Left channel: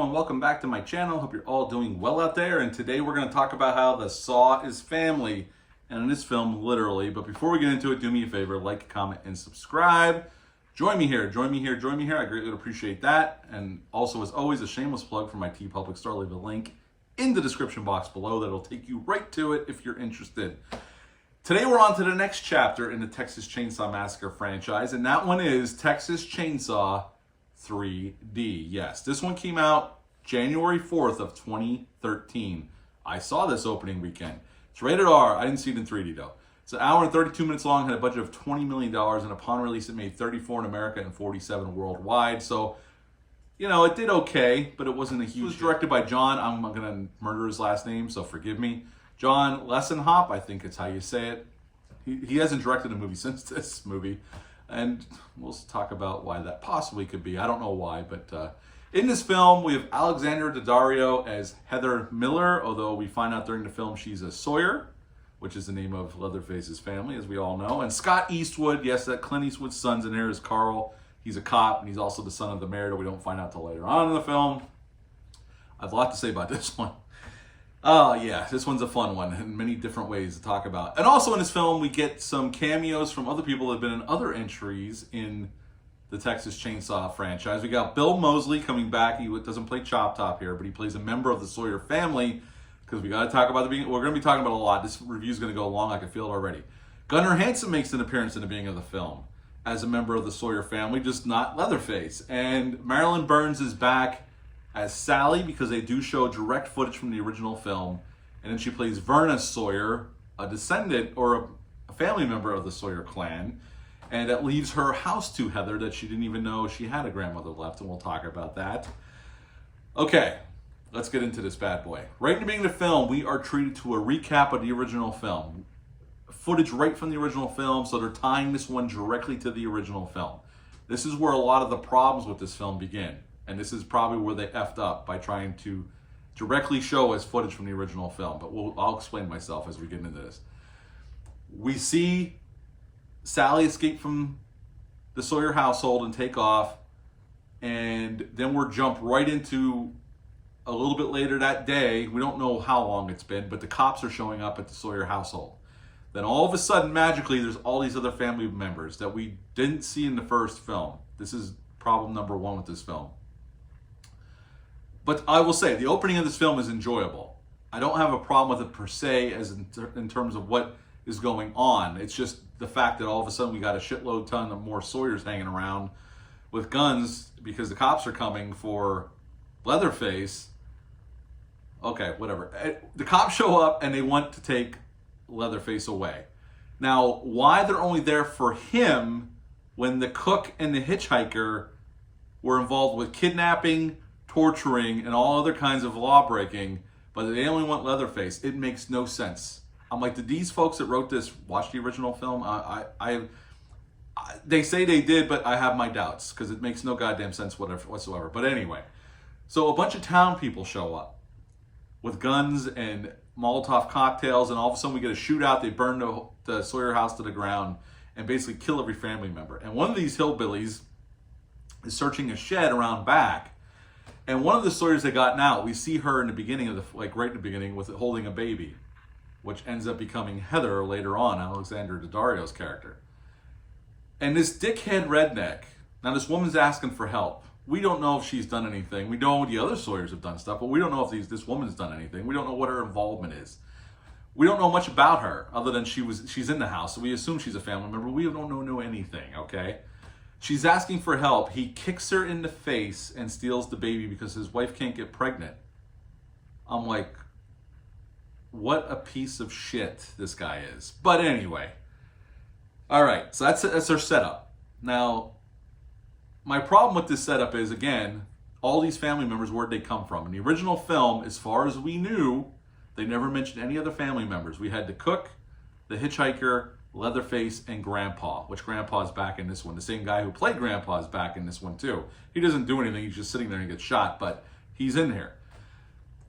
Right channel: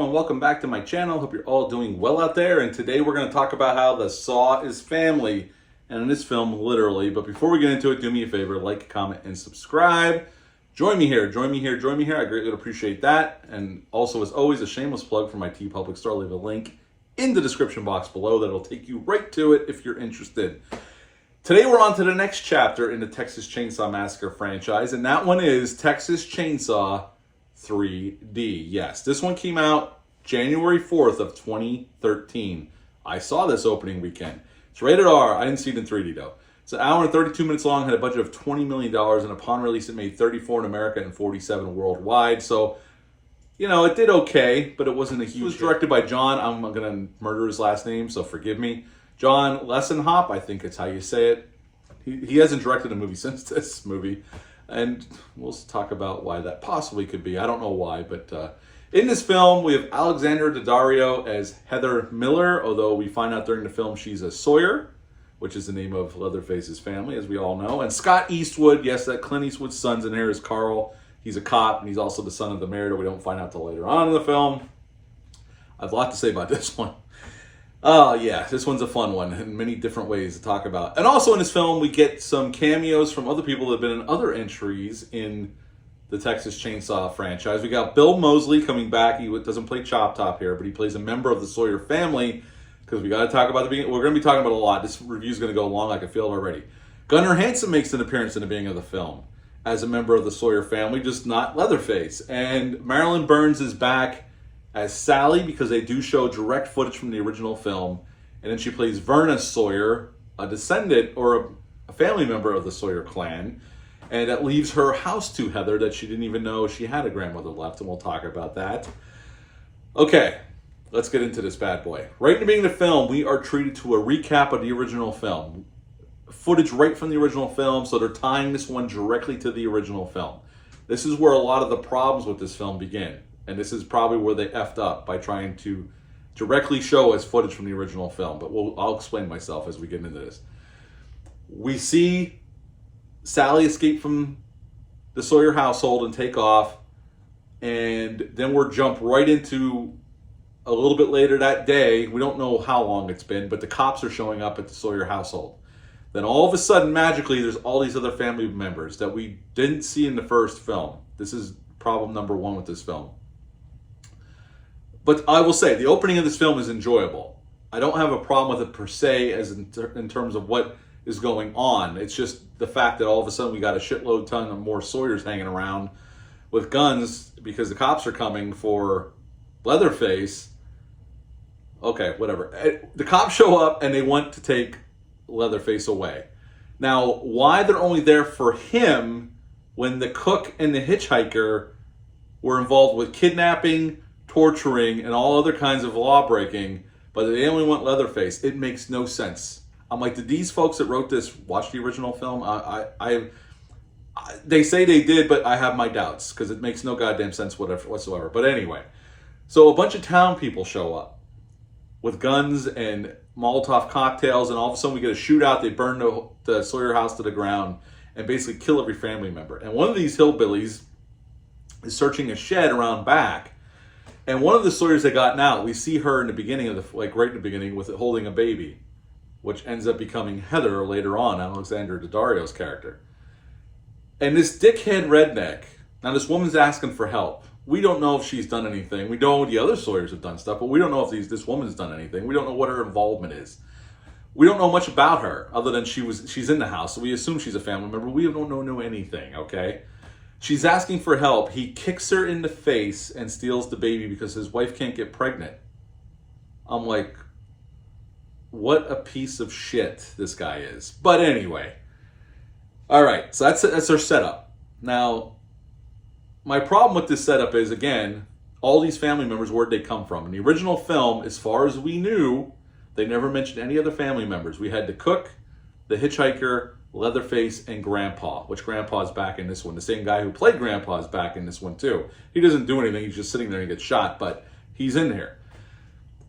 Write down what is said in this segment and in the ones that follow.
everyone, welcome back to my channel. Hope you're all doing well out there, and today we're going to talk about how the Saw is family, and in this film, literally. But before we get into it, do me a favor, like, comment, and subscribe. Join me here. I greatly would appreciate that. And also, as always, a shameless plug for my TeePublic store. Leave a link in the description box below that'll take you right to it if you're interested. Today we're on to the next chapter in the Texas Chainsaw Massacre franchise, and that one is Texas Chainsaw 3D. Yes, this one came out January 4th of 2013. I saw this opening weekend. It's rated R. I didn't see it in 3D though. It's an hour and 32 minutes long, had a budget of $20 million, and upon release it made 34 in America and 47 worldwide. So, you know, it did okay, but it wasn't a huge hit. It was directed by John, I'm going to murder his last name, so forgive me. John Lessenhop, I think it's how you say it. He hasn't directed a movie since this movie. And we'll talk about why that possibly could be. I don't know why, but in this film, we have Alexandra Daddario as Heather Miller, although we find out during the film she's a Sawyer, which is the name of Leatherface's family, as we all know. And Scott Eastwood, yes, that Clint Eastwood's son's in here is Carl. He's a cop, and he's also the son of the mayor that we don't find out till later on in the film. I have a lot to say about this one. Oh, yeah, this one's a fun one in many different ways to talk about. And also in this film, we get some cameos from other people that have been in other entries in the Texas Chainsaw franchise. We got Bill Moseley coming back. He doesn't play Chop Top here, but he plays a member of the Sawyer family, because we got to talk about the beginning. We're going to be talking about a lot. This review is going to go long. I can feel it already. Gunnar Hansen makes an appearance in the beginning of the film as a member of the Sawyer family, just not Leatherface. And Marilyn Burns is back as Sally, because they do show direct footage from the original film. And then she plays Verna Sawyer, a descendant or a family member of the Sawyer clan. And that leaves her house to Heather that she didn't even know she had a grandmother left, and we'll talk about that. Okay, let's get into this bad boy. Right in the beginning of the film, we are treated to a recap of the original film. Footage right from the original film, so they're tying this one directly to the original film. This is where a lot of the problems with this film begin. And this is probably where they effed up by trying to directly show us footage from the original film. But I'll explain myself as we get into this. We see Sally escape from the Sawyer household and take off. And then we're jumped right into a little bit later that day. We don't know how long it's been, but the cops are showing up at the Sawyer household. Then all of a sudden, magically, there's all these other family members that we didn't see in the first film. This is problem number one with this film. But I will say, the opening of this film is enjoyable. I don't have a problem with it per se as in terms of what is going on. It's just the fact that all of a sudden we got a shitload ton of more Sawyers hanging around with guns because the cops are coming for Leatherface. Okay, whatever. The cops show up and they want to take Leatherface away. Now, why they're only there for him when the cook and the hitchhiker were involved with kidnapping, torturing, and all other kinds of law breaking, but they only want Leatherface. It makes no sense. I'm like, did these folks that wrote this watch the original film? They say they did, but I have my doubts because it makes no goddamn sense whatsoever. But anyway, so a bunch of town people show up with guns and Molotov cocktails, and all of a sudden we get a shootout. They burn the Sawyer house to the ground and basically kill every family member. And one of these hillbillies is searching a shed around back. And one of the Sawyers that gotten out, we see her in the beginning of right in the beginning with it holding a baby, which ends up becoming Heather later on, Alexandra Daddario's character. And this dickhead redneck, now this woman's asking for help. We don't know if she's done anything. We know the other Sawyers have done stuff, but we don't know if this woman's done anything. We don't know what her involvement is. We don't know much about her other than she's in the house, so we assume she's a family member. We don't know anything, okay? She's asking for help. He kicks her in the face and steals the baby because his wife can't get pregnant. I'm like, what a piece of shit this guy is. But anyway. All right, so that's our setup. Now, my problem with this setup is, again, all these family members, where'd they come from? In the original film, as far as we knew, they never mentioned any other family members. We had the cook, the hitchhiker, Leatherface, and Grandpa, which Grandpa's back in this one. The same guy who played Grandpa is back in this one too. He doesn't do anything. He's just sitting there and gets shot, but he's in here.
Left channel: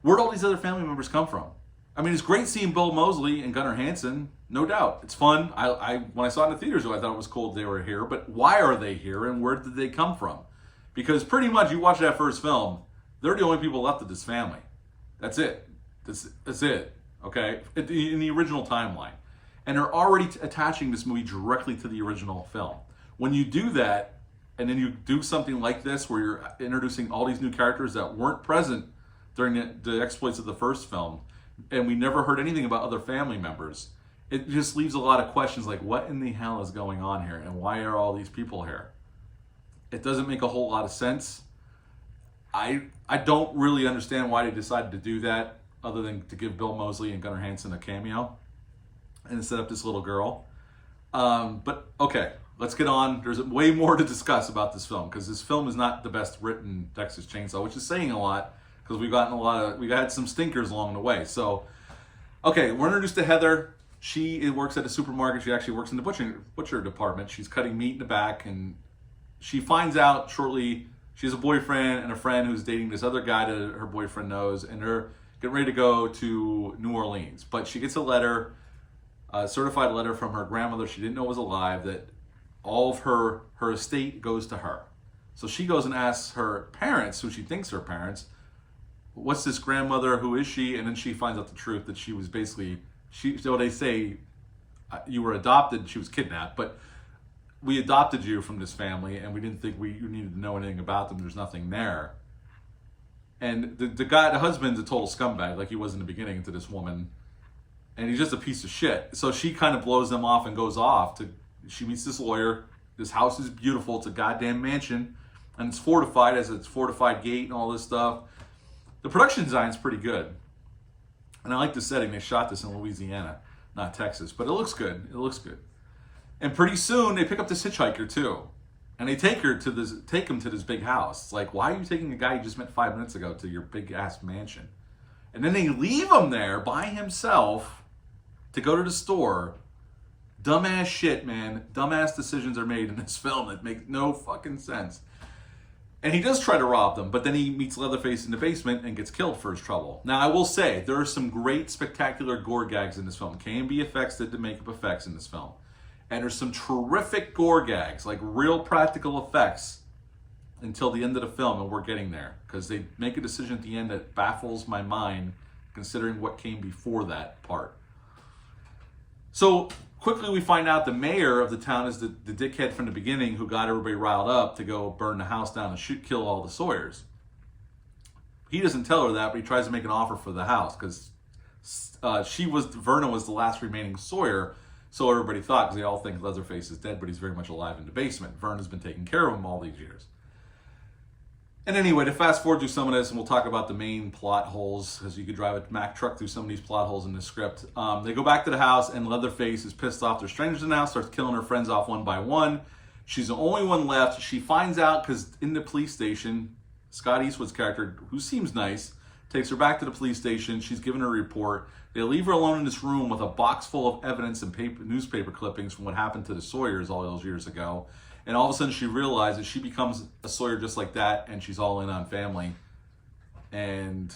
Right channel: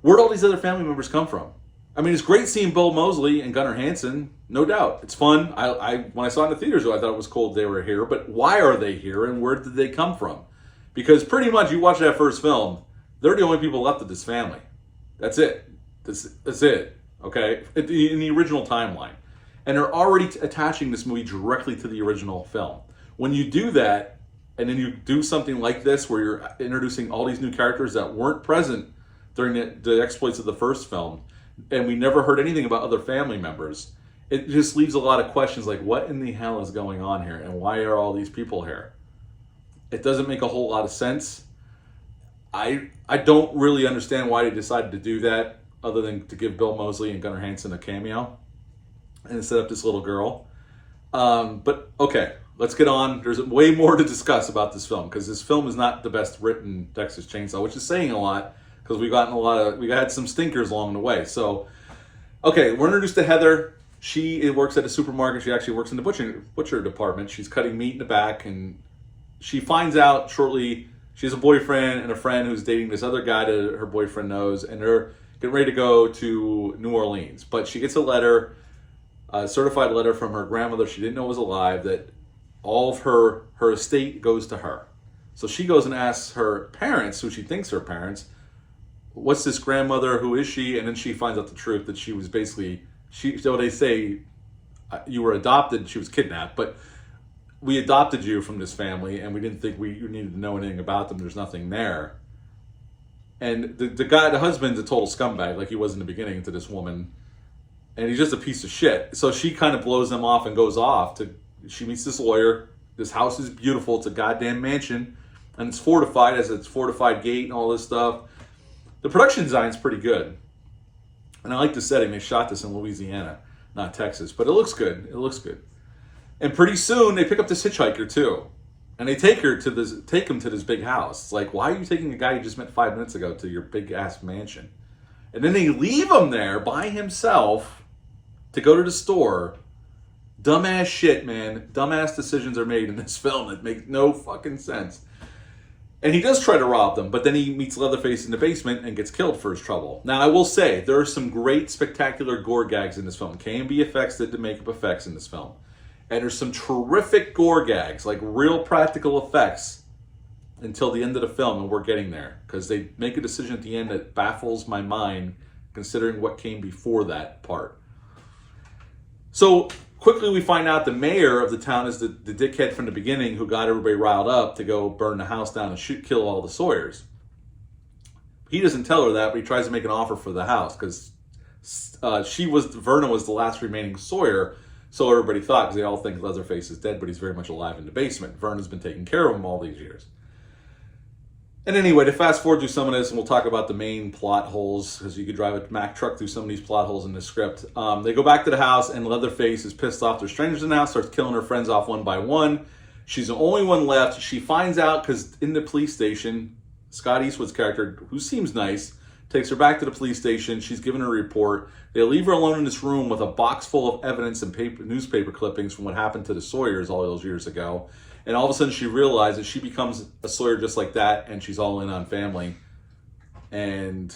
Where'd all these other family members come from? I mean, it's great seeing Bill Moseley and Gunnar Hansen, no doubt. It's fun. When I saw it in the theaters, I thought it was cool they were here, but why are they here and where did they come from? Because pretty much you watch that first film, They're the only people left of this family. That's it. That's it. Okay? In the original timeline. And they're already attaching this movie directly to the original film. When you do that, and then you do something like this where you're introducing all these new characters that weren't present during the exploits of the first film, and we never heard anything about other family members, it just leaves a lot of questions like, what in the hell is going on here? And why are all these people here? It doesn't make a whole lot of sense. I don't really understand why they decided to do that, other than to give Bill Moseley and Gunnar Hansen a cameo and set up this little girl. But okay, let's get on. There's way more to discuss about this film, because this film is not the best written Texas Chainsaw, which is saying a lot, because we had some stinkers along the way. So, okay, we're introduced to Heather. She works at a supermarket. She actually works in the butcher department. She's cutting meat in the back, and she finds out shortly she has a boyfriend and a friend who's dating this other guy that her boyfriend knows, and they're getting ready to go to New Orleans. But she gets a letter, a certified letter from her grandmother she didn't know was alive, that all of her estate goes to her. So she goes and asks her parents, who she thinks are parents, what's this grandmother, who is she? And then she finds out the truth, that she was basically, so they say, you were adopted, she was kidnapped, but we adopted you from this family, and we didn't think you needed to know anything about them. There's nothing there. And the husband's a total scumbag, like he was in the beginning, to this woman. And he's just a piece of shit. So she kind of blows them off and goes off. She meets this lawyer. This house is beautiful. It's a goddamn mansion. And it's fortified, has its fortified gate and all this stuff. The production design is pretty good. And I like the setting. They shot this in Louisiana, not Texas. But it looks good. It looks good. And pretty soon, they pick up this hitchhiker, too. And they take him to this big house. It's like, why are you taking a guy you just met 5 minutes ago to your big-ass mansion? And then they leave him there by himself to go to the store. Dumbass shit, man. Dumbass decisions are made in this film that make no fucking sense. And he does try to rob them, but then he meets Leatherface in the basement and gets killed for his trouble. Now, I will say, there are some great, spectacular gore gags in this film. K&B Effects did the makeup effects in this film. And there's some terrific gore gags, like real practical effects, until the end of the film, and we're getting there. Because they make a decision at the end that baffles my mind, considering what came before that part. So, quickly we find out the mayor of the town is the dickhead from the beginning who got everybody riled up to go burn the house down and kill all the Sawyers. He doesn't tell her that, but he tries to make an offer for the house, because Verna was the last remaining Sawyer. So everybody thought, because they all think Leatherface is dead, but he's very much alive in the basement. Verna's been taking care of him all these years. And anyway, to fast forward through some of this, and we'll talk about the main plot holes, because you could drive a Mack truck through some of these plot holes in the script. They go back to the house, and Leatherface is pissed off. There's strangers in the house, starts killing her friends off one by one. She's the only one left. She finds out, because in the police station, Scott Eastwood's character, who seems nice, takes her back to the police station. She's given her a report. They leave her alone in this room with a box full of evidence and newspaper clippings from what happened to the Sawyers all those years ago. And all of a sudden she realizes she becomes a Sawyer just like that, and she's all in on family. And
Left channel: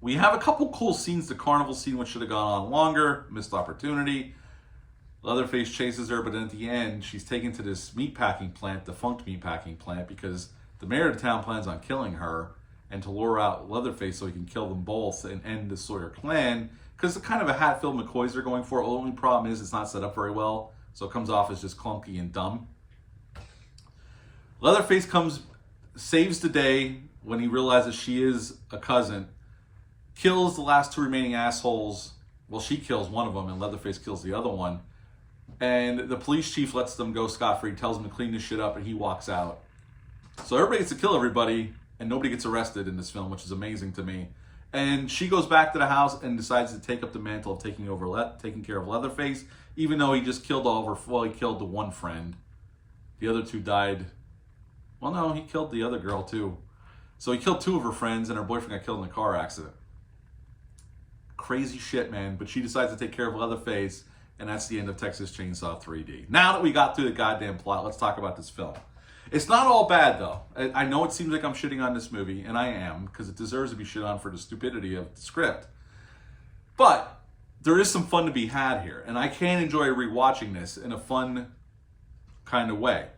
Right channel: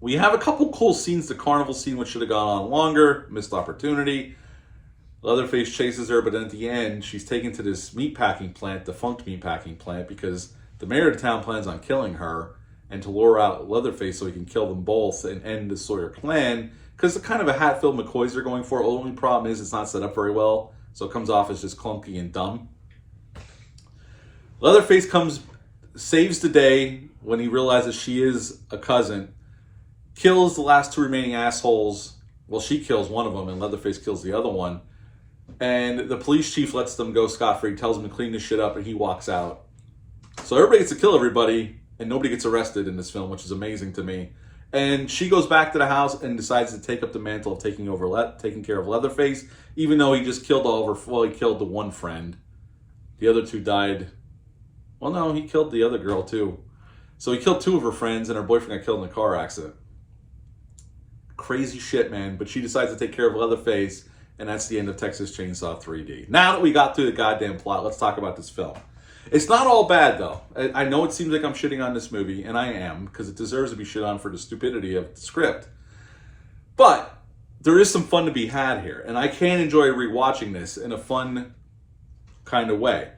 we have a couple cool scenes. The Carnival Scene, which should have gone on longer, missed opportunity. Leatherface chases her, but then at the end, she's taken to this meatpacking plant, defunct meatpacking plant, because the mayor of the town plans on killing her, and to lure out Leatherface so he can kill them both and end the Sawyer clan. Because the kind of a Hatfield McCoys they're going for. The only problem is it's not set up very well, so it comes off as just clunky and dumb. Leatherface saves the day when he realizes she is a cousin, kills the last two remaining assholes. Well, she kills one of them, and Leatherface kills the other one. And the police chief lets them go scot-free, tells them to clean this shit up, and he walks out. So everybody gets to kill everybody, and nobody gets arrested in this film, which is amazing to me. And she goes back to the house and decides to take up the mantle of taking care of Leatherface, even though he just killed all of her. Well, he killed the one friend. The other two died. Well, no, he killed the other girl too. So he killed two of her friends, and her boyfriend got killed in a car accident. Crazy shit, man. But she decides to take care of Leatherface, and that's the end of Texas Chainsaw 3D. Now that we got through the goddamn plot, let's talk about this film. It's not all bad, though. I know it seems like I'm shitting on this movie, and I am, because it deserves to be shit on for the stupidity of the script. But there is some fun to be had here, and I can enjoy rewatching this in a fun kind of way.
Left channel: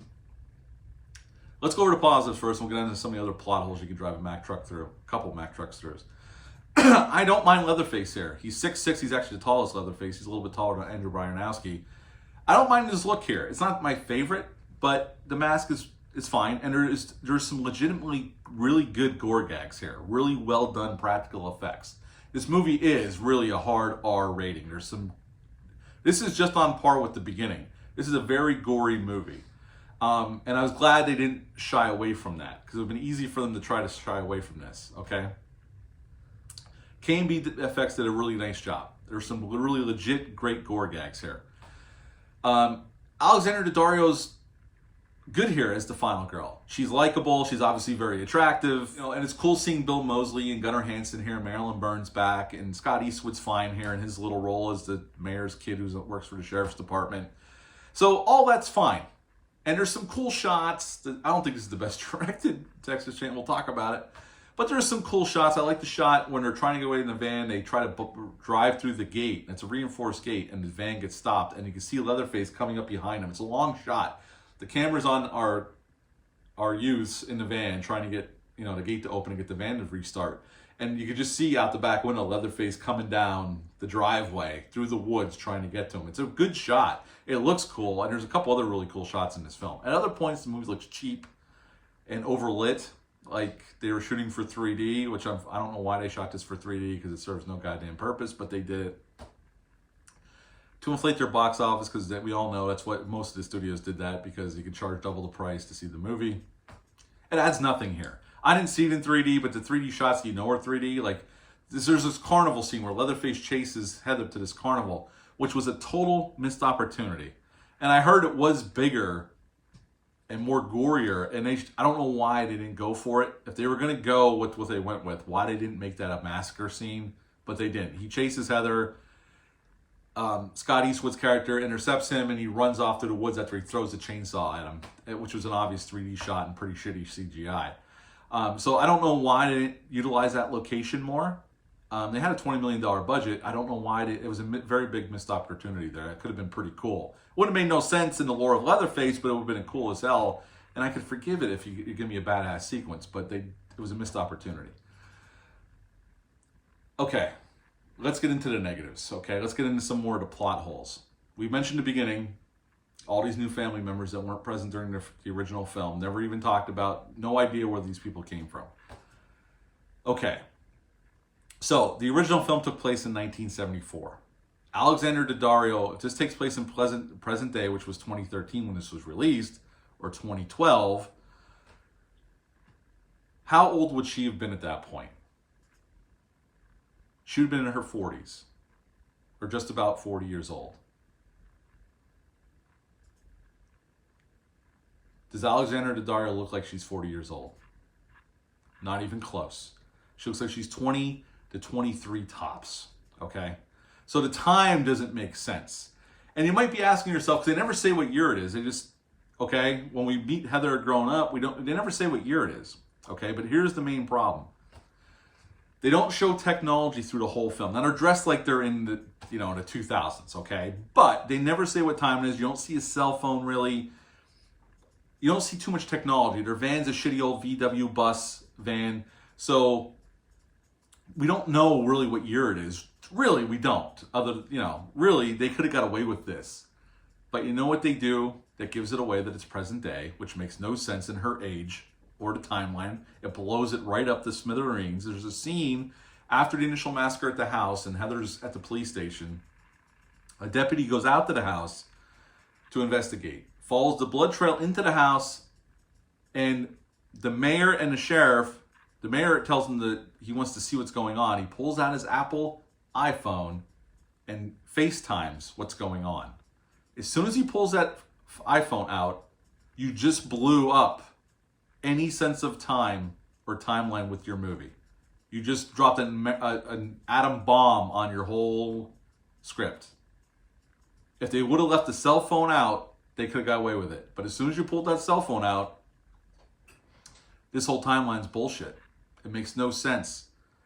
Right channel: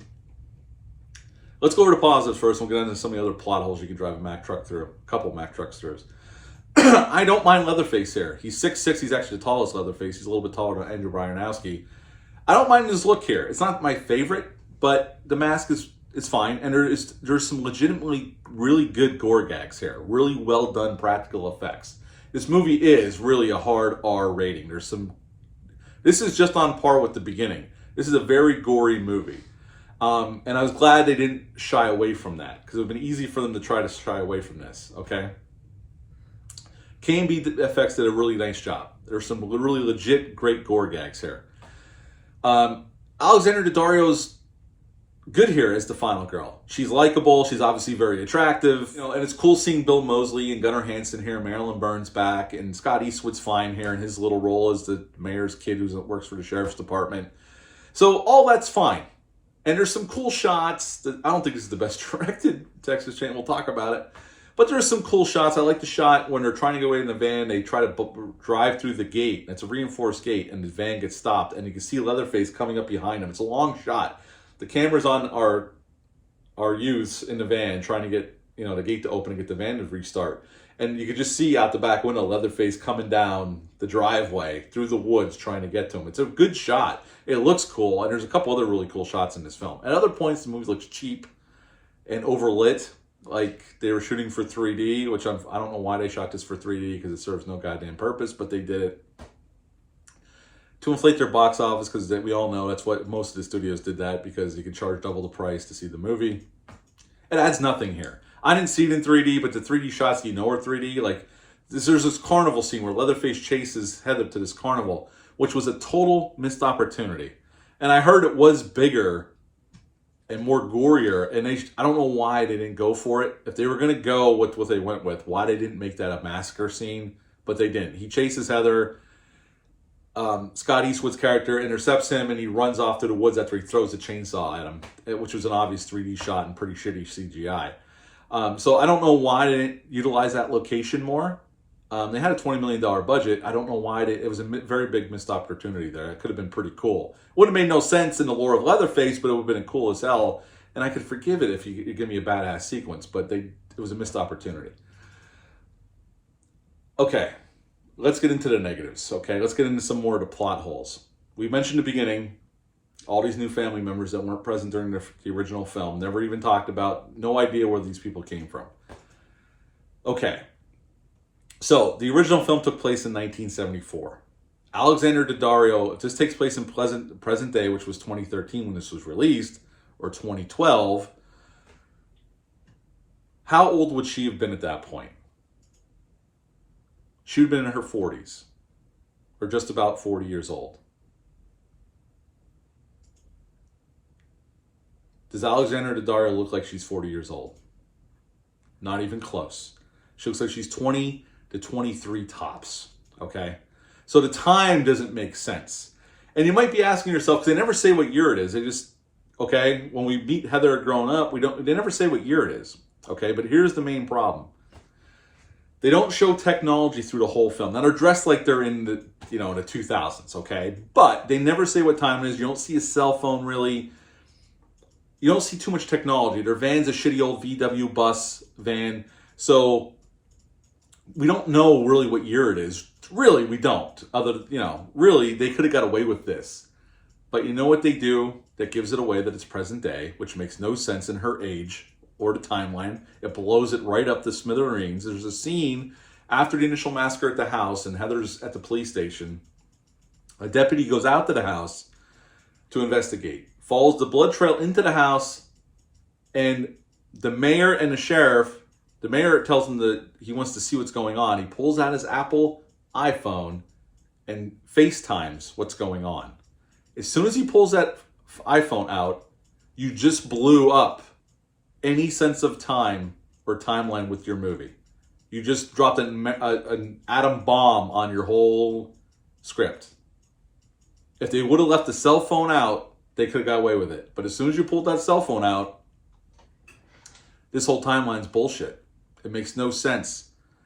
Let's go over to positives first. We'll get into some of the other plot holes you can drive a Mack truck through. A couple Mack trucks through. I don't mind Leatherface here. He's 6'6". He's actually the tallest Leatherface. He's a little bit taller than Andrew Bryanowski. I don't mind his look here. It's not my favorite, but the mask is fine. And there's some legitimately really good gore gags here. Really well done practical effects. This movie is really a hard R rating. This is just on par with the beginning. This is a very gory movie. And I was glad they didn't shy away from that, because it would have been easy for them to try to shy away from this, okay? K&B Effects did a really nice job. There's some really legit great gore gags here. Alexandra Daddario's good here as the final girl. She's likable. She's obviously very attractive. And it's cool seeing Bill Moseley and Gunnar Hansen here, Marilyn Burns back, and Scott Eastwood's fine here in his little role as the mayor's kid who works for the sheriff's department. So all that's fine. And there's some cool shots. I don't think this is the best directed Texas Chainsaw. We'll talk about it. But there's some cool shots. I like the shot when they're trying to get away in the van. They try to drive through the gate. It's a reinforced gate, and the van gets stopped. And you can see Leatherface coming up behind them. It's a long shot. The camera's on our youths in the van trying to get the gate to open and get the van to restart. And you can just see out the back window Leatherface coming down the driveway through the woods trying to get to him. It's a good shot. It looks cool, and there's a couple other really cool shots in this film. At other points, the movie looks cheap and overlit, like they were shooting for 3D, which I don't know why they shot this for 3D, because it serves no goddamn purpose, but they did it to inflate their box office, because we all know that's what most of the studios did, that because you could charge double the price to see the movie. It adds nothing here. I didn't see it in 3D, but the 3D shots are 3D. Like, there's this carnival scene where Leatherface chases Heather to this carnival, which was a total missed opportunity. And I heard it was bigger and more gorier, and I don't know why they didn't go for it. If they were going to go with what they went with, why they didn't make that a massacre scene, but they didn't. He chases Heather. Scott Eastwood's character intercepts him, and he runs off to the woods after he throws the chainsaw at him, which was an obvious 3D shot and pretty shitty CGI. So I don't know why they didn't utilize that location more. They had a $20 million budget. I don't know why it was a very big missed opportunity there. It could have been pretty cool. Would have made no sense in the lore of Leatherface, but it would have been cool as hell. And I could forgive it if you give me a badass sequence, but it was a missed opportunity. Okay, let's get into the negatives. Okay, let's get into some more of the plot holes. We mentioned at the beginning all these new family members that weren't present during the original film, never even talked about, no idea where these people came from. Okay, so the original film took place in 1974. Alexandra Daddario, if this takes place in present day, which was 2013 when this was released, or 2012, how old would she have been at that point? She would have been in her 40s, or just about 40 years old. Does Alexandra Daddario look like she's 40 years old? Not even close. She looks like she's 20 to 23 tops, okay? So the time doesn't make sense. And you might be asking yourself, because they never say what year it is. They just, okay, when we meet Heather growing up, they never say what year it is, okay? But here's the main problem. They don't show technology through the whole film. Now, they're dressed like they're in the, the 2000s, okay? But they never say what time it is. You don't see a cell phone, really. You don't see too much technology. Their van's a shitty old VW bus van. So we don't know really what year it is. Really, we don't. Really, they could have got away with this. But you know what they do that gives it away that it's present day, which makes no sense in her age or the timeline. It blows it right up to smithereens. There's a scene after the initial massacre at the house, and Heather's at the police station. A deputy goes out to the house to investigate, follows the blood trail into the house, and the mayor and the sheriff, the mayor tells him that he wants to see what's going on. He pulls out his Apple iPhone and FaceTimes what's going on. As soon as he pulls that iPhone out, you just blew up any sense of time or timeline with your movie. You just dropped an atom bomb on your whole script. If they would have left the cell phone out, they could have got away with it. But as soon as you pulled that cell phone out, this whole timeline's bullshit. It makes no sense.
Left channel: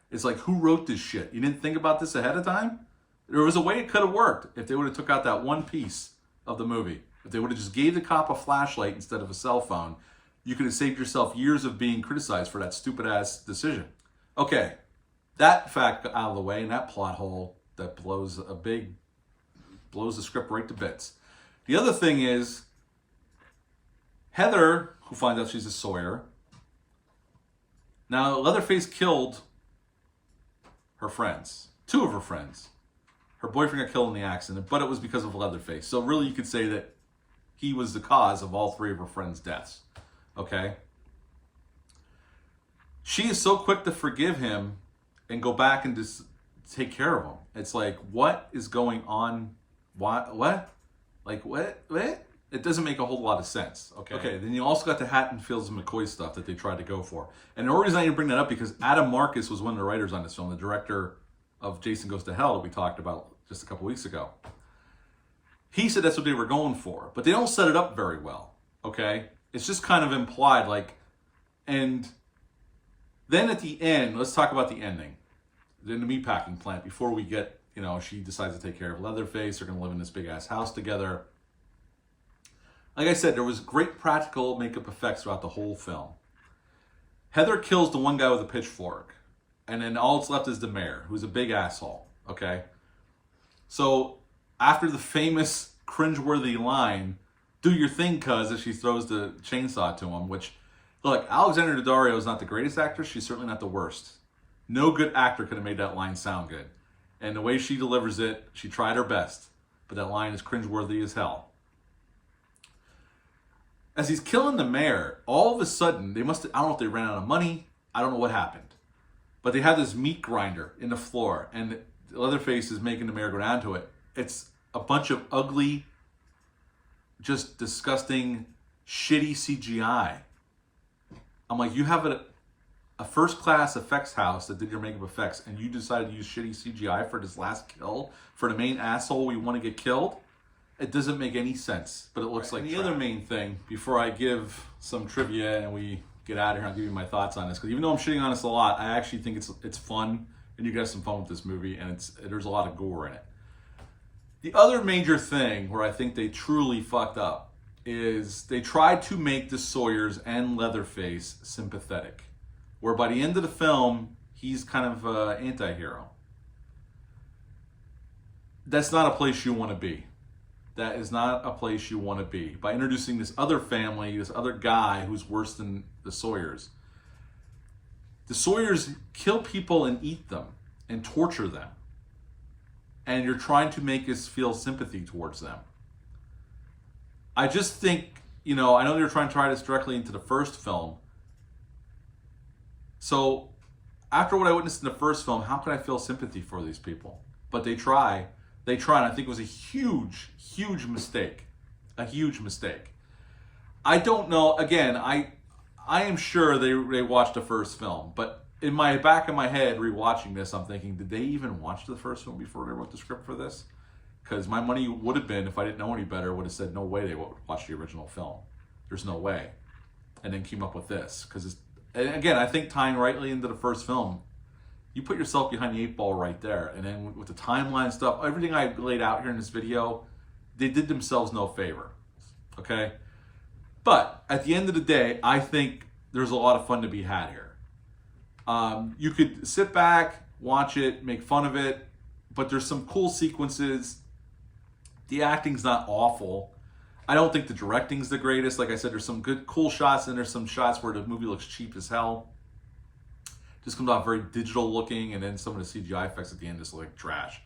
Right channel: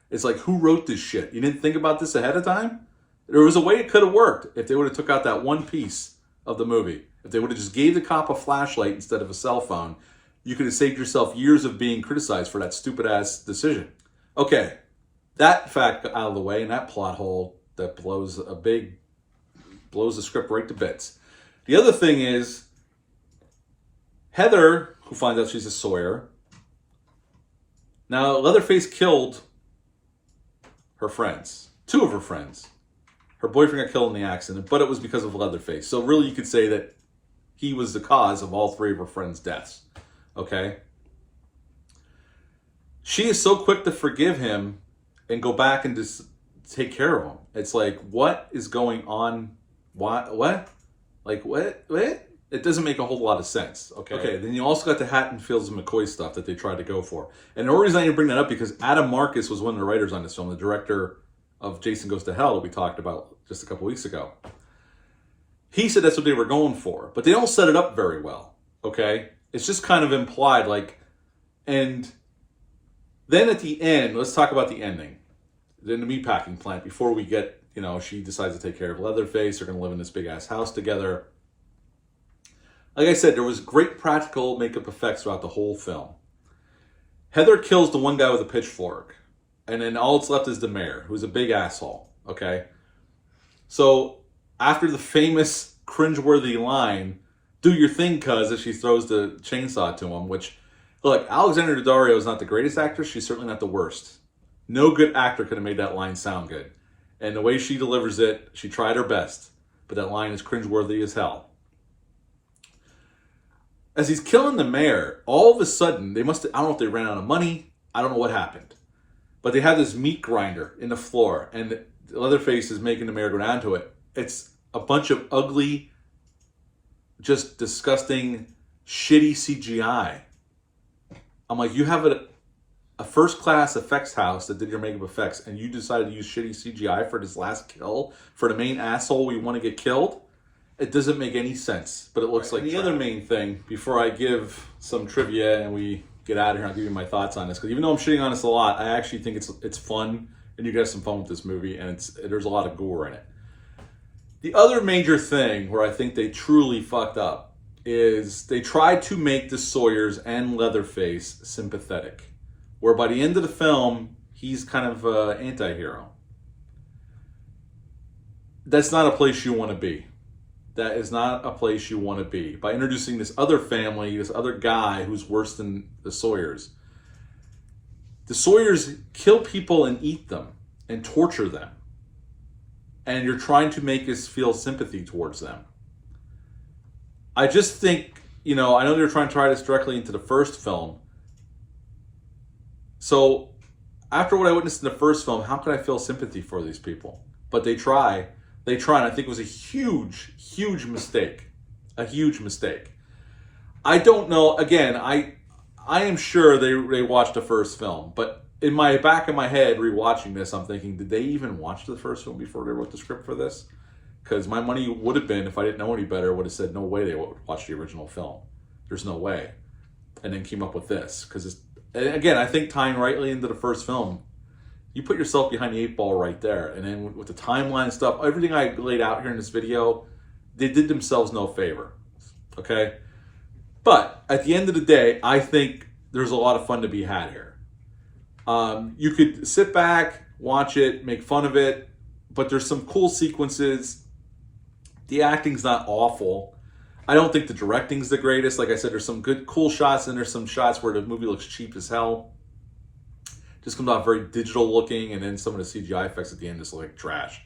It's like, who wrote this shit? You didn't think about this ahead of time? There was a way it could have worked if they would have took out that one piece of the movie. If they would have just gave the cop a flashlight instead of a cell phone, you could have saved yourself years of being criticized for that stupid ass decision. Okay, that fact out of the way, and that plot hole that blows the script right to bits. The other thing is, Heather, who finds out she's a Sawyer. Now, Leatherface killed her friends, 2 of her friends. Her boyfriend got killed in the accident, but it was because of Leatherface. So really, you could say that he was the cause of all 3 of her friends' deaths. Okay? She is so quick to forgive him and go back and just take care of him. It's like, what is going on? What? Like, what? It doesn't make a whole lot of sense. Okay, then you also got the Hatton, Fields, and McCoy stuff that they tried to go for. And the only reason I need to bring that up because Adam Marcus was one of the writers on this film, the director of Jason Goes to Hell that we talked about just a couple weeks ago. He said that's what they were going for, but they don't set it up very well. Okay? It's just kind of implied, like, and then at the end, let's talk about the ending. In the meatpacking plant, before we get, she decides to take care of Leatherface. They're going to live in this big-ass house together. Like I said, there was great practical makeup effects throughout the whole film. Heather kills the one guy with a pitchfork. And then all that's left is the mayor, who's a big asshole. Okay? So, after the famous cringeworthy line, "Do your thing, cuz," as she throws the chainsaw to him, which, look, Alexandra Dario is not the greatest actress. She's certainly not the worst. No good actor could have made that line sound good. And the way she delivers it, she tried her best. But that line is cringeworthy as hell. As he's killing the mayor, all of a sudden, I don't know if they ran out of money. I don't know what happened. But they had this meat grinder in the floor. And Leatherface is making the mayor go down to it. It's a bunch of ugly, just disgusting, shitty CGI. I'm like, you have a first-class effects house that did your makeup effects, and you decided to use shitty CGI for this last kill for the main asshole we want to get killed? It doesn't make any sense, but it looks like the other main thing, before I give some trivia and we get out of here, I'll give you my thoughts on this, because even though I'm shitting on this a lot, I actually think it's fun, and you guys have some fun with this movie, and there's a lot of gore in it. The other major thing where I think they truly fucked up is they tried to make the Sawyers and Leatherface sympathetic, where by the end of the film, he's kind of an anti-hero. That's not a place you want to be. That is not a place you want to be. By introducing this other family, this other guy who's worse than the Sawyers. The Sawyers kill people and eat them and torture them. And you're trying to make us feel sympathy towards them. I just think, I know they're trying to tie this directly into the first film. So, after what I witnessed in the first film, how could I feel sympathy for these people? But they try, and I think it was a huge, huge mistake. A huge mistake. I don't know, again, I am sure they watched the first film, but in my back of my head, rewatching this, I'm thinking, did they even watch the first film before they wrote the script for this? Because my money would have been, if I didn't know any better, would have said, no way they would watch the original film. There's no way. And then came up with this. Because again, I think tying rightly into the first film, you put yourself behind the 8 ball right there. And then with the timeline and stuff, everything I laid out here in this video, they did themselves no favor. Okay? But at the end of the day, I think there's a lot of fun to be had here. You could sit back, watch it, make fun of it, but there's some cool sequences. The acting's not awful. I don't think the directing's the greatest. Like I said, there's some good, cool shots, and there's some shots where the movie looks cheap as hell. Just comes out very digital looking, and then some of the CGI effects at the end just look like trash.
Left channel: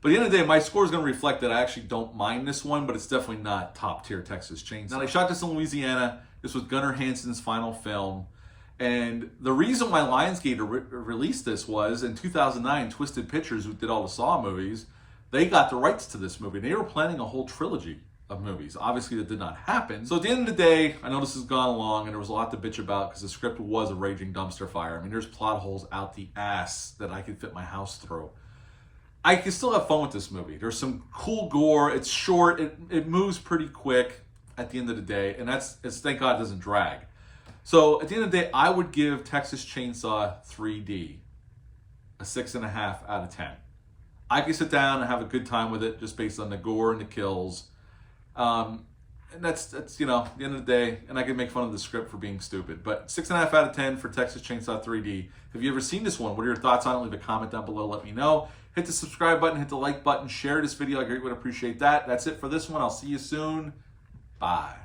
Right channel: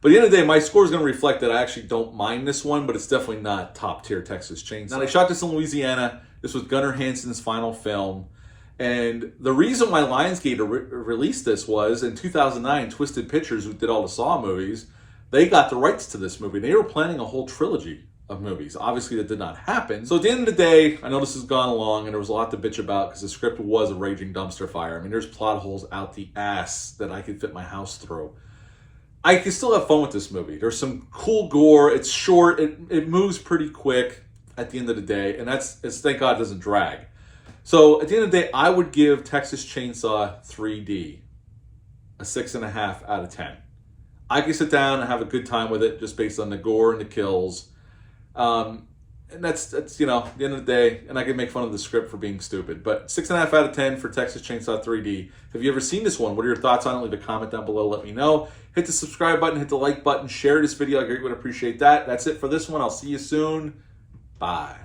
But at the end of the day, my score is going to reflect that I actually don't mind this one, but it's definitely not top-tier Texas Chainsaw. Now, they shot this in Louisiana. This was Gunnar Hansen's final film. And the reason why Lionsgate released this was, in 2009, Twisted Pictures, who did all the Saw movies, they got the rights to this movie. They were planning a whole trilogy of movies. Obviously, that did not happen. So at the end of the day, I know this has gone along, and there was a lot to bitch about because the script was a raging dumpster fire. I mean, there's plot holes out the ass that I could fit my house through. I can still have fun with this movie. There's some cool gore. It's short. It moves pretty quick at the end of the day, and thank God it doesn't drag. So at the end of the day, I would give Texas Chainsaw 3D a 6.5 out of 10. I can sit down and have a good time with it just based on the gore and the kills. And that's you know, at the end of the day, and I can make fun of the script for being stupid. But 6.5 out of 10 for Texas Chainsaw 3D. Have you ever seen this one? What are your thoughts on it? Leave a comment down below. Let me know. Hit the subscribe button. Hit the like button. Share this video. I greatly would appreciate that. That's it for this one. I'll see you soon. Bye.